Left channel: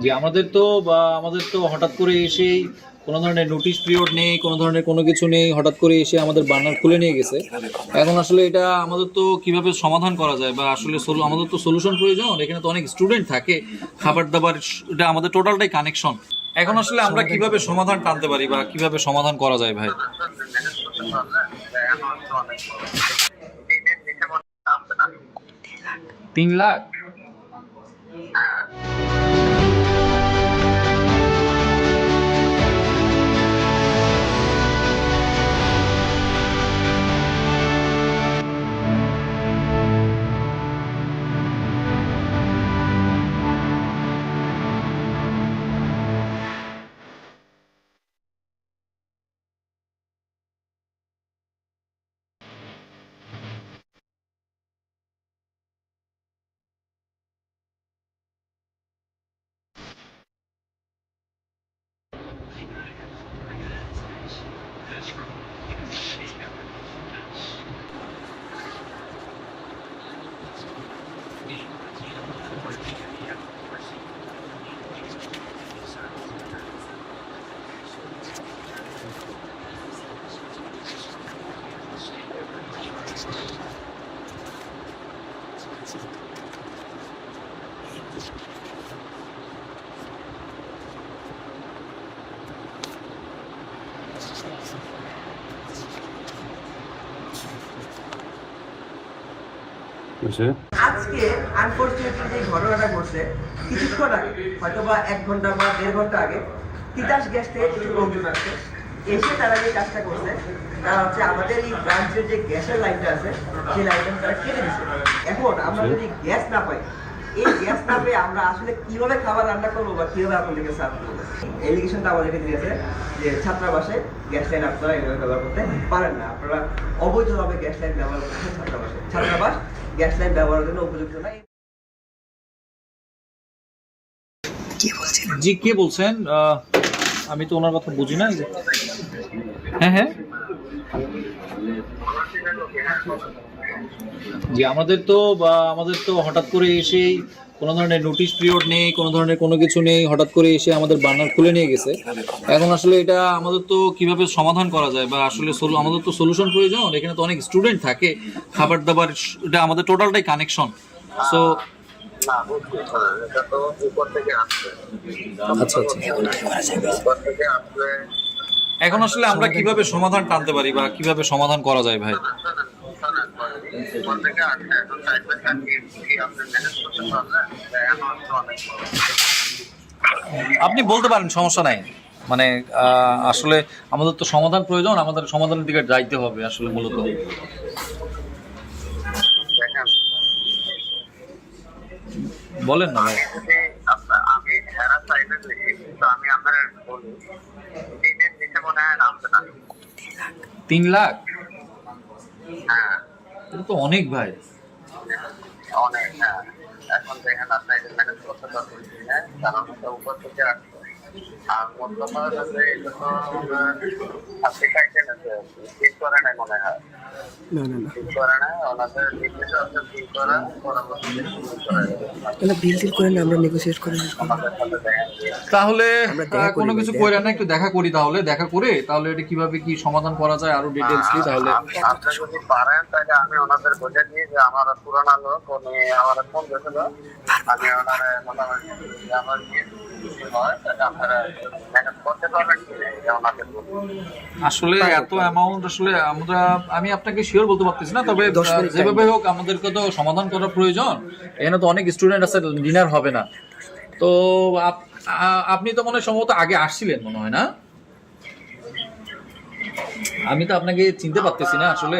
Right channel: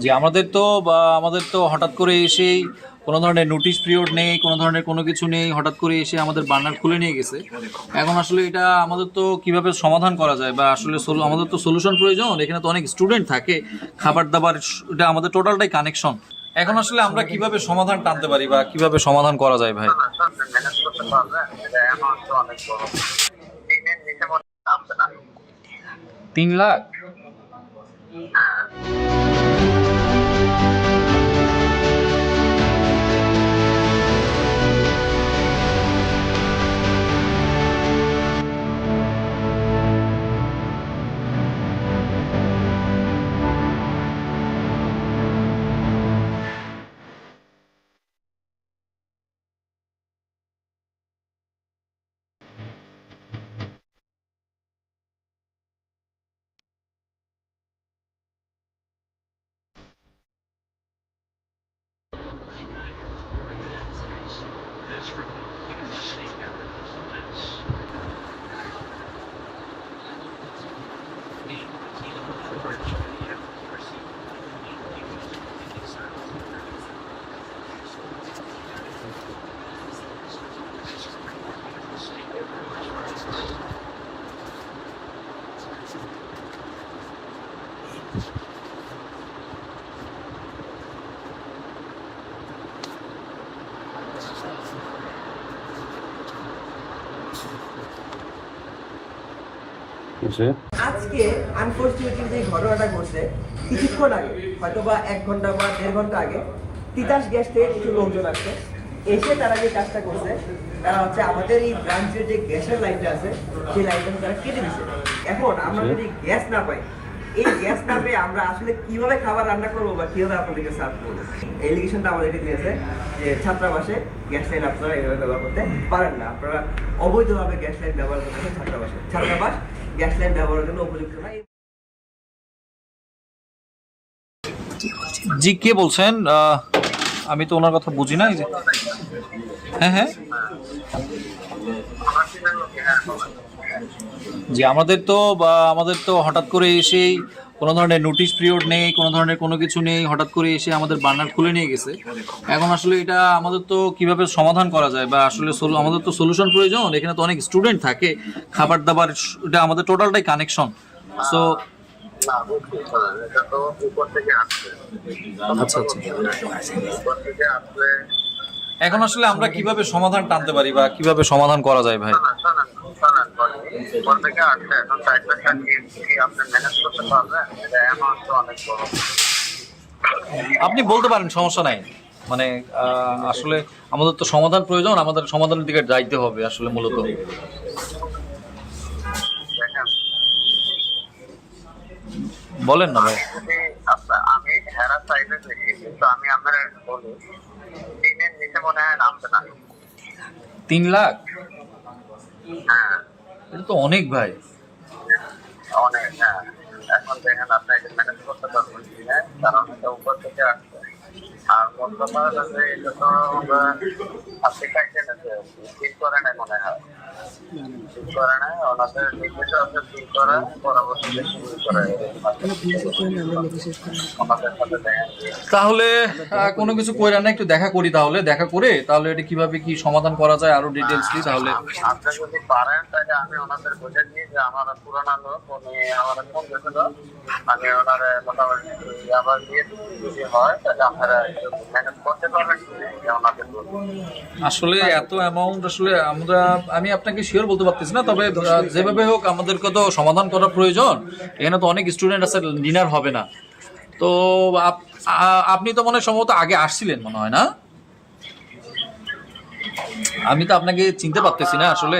জি আমাদের তো বা আমাদের তো হঠাৎ করে এসেই কোনো ধরনের নোটিশ পিরিয়ড নেই, কোনো ধরনের কোনো কিছু নেই, হঠাৎ করে এসে আমাদের বার্নার খুলে নিয়ে গেছে। এখন আসলে এটা আমাদের তো কীভাবে সমাধান করা যায় বা আসলে আমাদের তো সলিউশন প্রয়োজন, এখানে তো অনেক স্টুডেন্ট থাকে, খাবার দাবার এটা আমাদের টোটালটাই কানেকশন এখন আসলে আমরা কীভাবে সমাধান টানতে পারি বা কীভাবে সমাধান করা যায় ভাই? তিন করতে আজকে আনফর্চুনেটলি যে ঘটনাটা ঘটছে কিছুক্ষণ আগে হয়তো বা এক ঘণ্টা বা দেড় ঘণ্টা আগে তিতাস গ্যাস থেকে কিছু লোকজন আসছে। এসে তারা যে কাজটা করছে তারা হচ্ছে আমাদের এই ব্রাঞ্চের যে গ্যাসের লাইনটা আছে সেই লাইনটা তারা কেটে দিচ্ছে এখন আমরা যদি গ্যাস না পাই এই গ্যাস না পেয়ে আমরা আসলে কীভাবে খাবার রান্না করব বা কীভাবে আপনাদেরকে সার্ভ করব? এলিগেশনটা আমাদেরকে দিয়েছে যে ছাত্রাবাসে গ্যাস লাইন আপনারা এইভাবে ব্যবহার করতে পারেন না। আপনারা অবৈধভাবে গ্যাস লাইন ব্যবহার করতেছেন ছাত্রাবাসে। ছাত্রাবাস গ্যাস লাইন ব্যবহারের জন্য উপযুক্ত নয় জি কে বলছেন? আহ, আমি তো ওনার কথা বুঝি না হ্যাঁ হ্যাঁ হ্যাঁ। জি আমাদের তো বা আমাদের তো হঠাৎ করে এসেই কোনো ধরনের নোটিশ পিরিয়ড নেই কোনো ধরনের কোনো কিছু নেই হঠাৎ করে এসে আমাদের বার্নার খুলে নিয়ে গেছে। এখন আসলে এটা আমাদের তো কীভাবে সমাধান করা যায় বা আসলে আমাদের তো সলিউশন প্রয়োজন এখানে তো অনেক স্টুডেন্ট থাকে খাবার দাবার এটা আমাদের টোটালটাই কানেকশন সো না বুঝতে পারেন এটা তো উপর থেকে আসছে আচ্ছা আচ্ছা এখন আসলে আমরা কীভাবে সমাধান টানতে পারি বা কীভাবে সমাধান করা যায় ভাই? আপনি বলতে পারেন সমস্যা নাই। মানে আসলে আমাদের তো সমাধান প্রয়োজন আমাদের সমাধানের দিকে যাইতে হবে আসলে মূলত। বলেন না ভাই। আমি হেরা সাইডে দেখি কিন্তু আমি আপনার বলি নিচে মনে হয় নামবে না তিন লাখ? হ্যাঁ। এটা তো অনেক ভাই। অনেক হ্যাঁ। এখন দেখেন আপনি এটা ম্যানেজ করতে পারবেন কি কারণ এটা উপর থেকে আসছে আর মোট কথা এটা তো আপনি খাইছেন ফিল করে মনে হয়। তাহলে কোনো কিছু কইরা না একটু দেখা করি তাহলে দেখা করে তাহলে এটা কীভাবে কি সমাধান করা যায় আরও ডিটেলসলি তাহলে। আপনি যদি পারেন তাহলে আমি ওনাদের বুঝে দিয়ে যে আমার পুরানা লোক উনি আমার ফোন দিয়েছিল। আমি ওনার মোটামুটি আবার দিয়ে হয় তাহলে আপনারা ম্যানেজ করতে পারবেন। আসলে এত অ্যামাউন্ট আসলে আমরা আমি আপনাকে শিওর বলতে পারতেছি না তবে যেভাবে হোক আমাদেরকে তো সমাধান করা প্রয়োজন। এখানে তো অনেক স্টুডেন্ট আছে ডিনার হবে না। তো আপনি তো মনে হয় সম্ভবত আগে আসছিলেন মনে হয় না? আমি তো আপনাকে চিনতে পারতেছি না আসলে।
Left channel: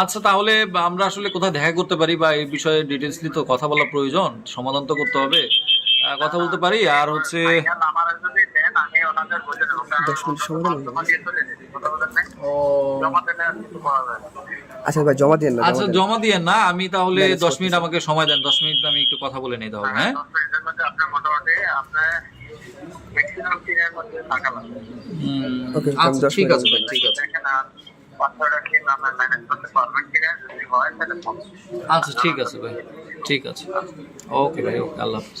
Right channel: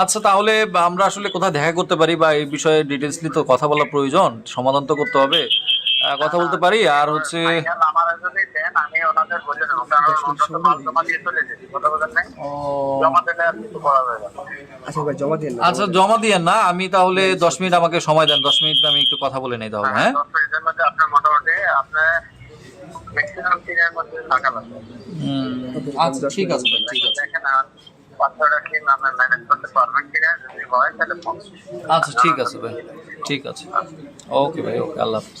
আচ্ছা তাহলে আমরা আসলে কোথায় দেখা করতে পারি বা এই বিষয়ে ডিটেলসলি তো কথা বলা প্রয়োজন সমাধান তো করতে হবে। কথা বলতে পারি? আর হচ্ছে দিয়ে আচ্ছা ভাই জমা দিন আচ্ছা জমা দিয়ে। না আমি তাহলে দশ মিনিট আমাকে সময় দেন দশ মিনিট আমি একটু কথা বলে নেই তাহলে হ্যাঁ? দশ মিনিটের মধ্যে আপনার মোটামুটি আপনার ম্যাক্সিমাম দিনের মধ্যে থাকা লাগবে। হুম, Okay, আচ্ছা ঠিক আছে ভাই ঠিক আছে। হয় আচ্ছা ঠিক আছে ভাই ঠিক আছে। ওকে ভাই ওকে আল্লাহ হাফিজ।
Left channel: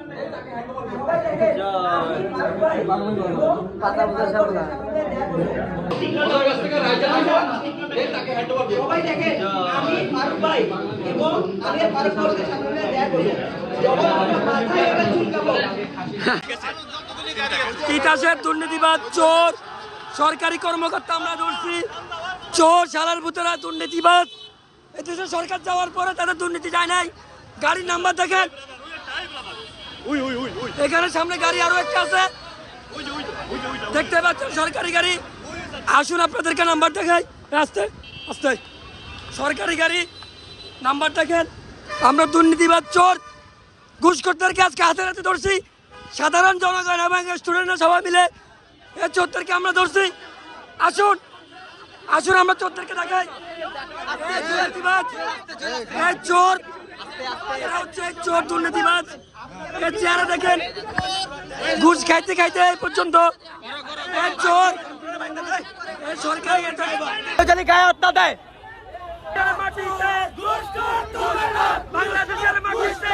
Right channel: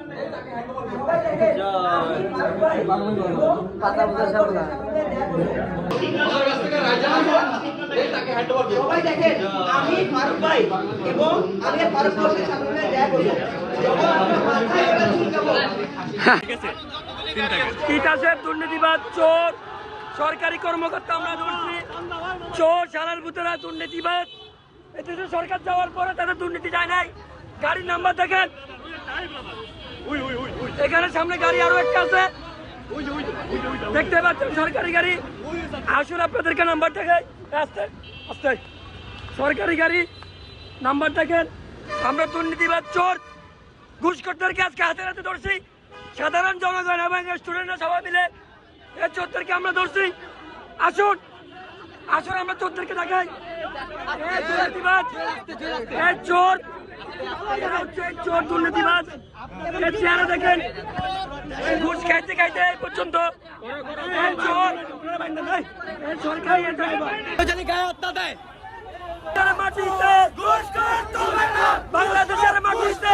দুর্নীতিবাদ, চোর, সরকারি কর্মকর্তা আমরা ধরছি চোর সালার ভিতরে দুর্নীতিবাদ। এদেশে সরকার যাওয়ার পরে তাদের দুর্নীতি যায় নাই। গাড়ির নাম্বার দেখেন। এখানে সামনে গাড়ি আরও একটা আছে। দেখতে পাচ্ছেন সরকারি গাড়ি। আসুন আপনাদেরকে নাম্বার দেখাই। আস্তে আস্তে। সরকারি গাড়ি নাম্বার দেখেন। আমরা দুর্নীতিবাদ চোর। ঘুষখোরদেরকে আজকে হাতে হাতে ধরছি। সাধারণ জনগণ এবং স্টুডেন্টরা সবাই মিলে এই চোরদেরকে আমরা ধরছি। আসুন আসুন আমরা চোরদেরকে দেখাই। এই চোর। এরা হচ্ছে চোর দুর্নীতিবাজ এই চেহারা দেখেন। ঘুষ খাইতে খাইতে এই পর্যন্ত ড্রাইভার। গায়ে হত্যা দেয়। মাটিতে বাংলাদেশের মাটিতে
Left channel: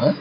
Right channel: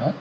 え？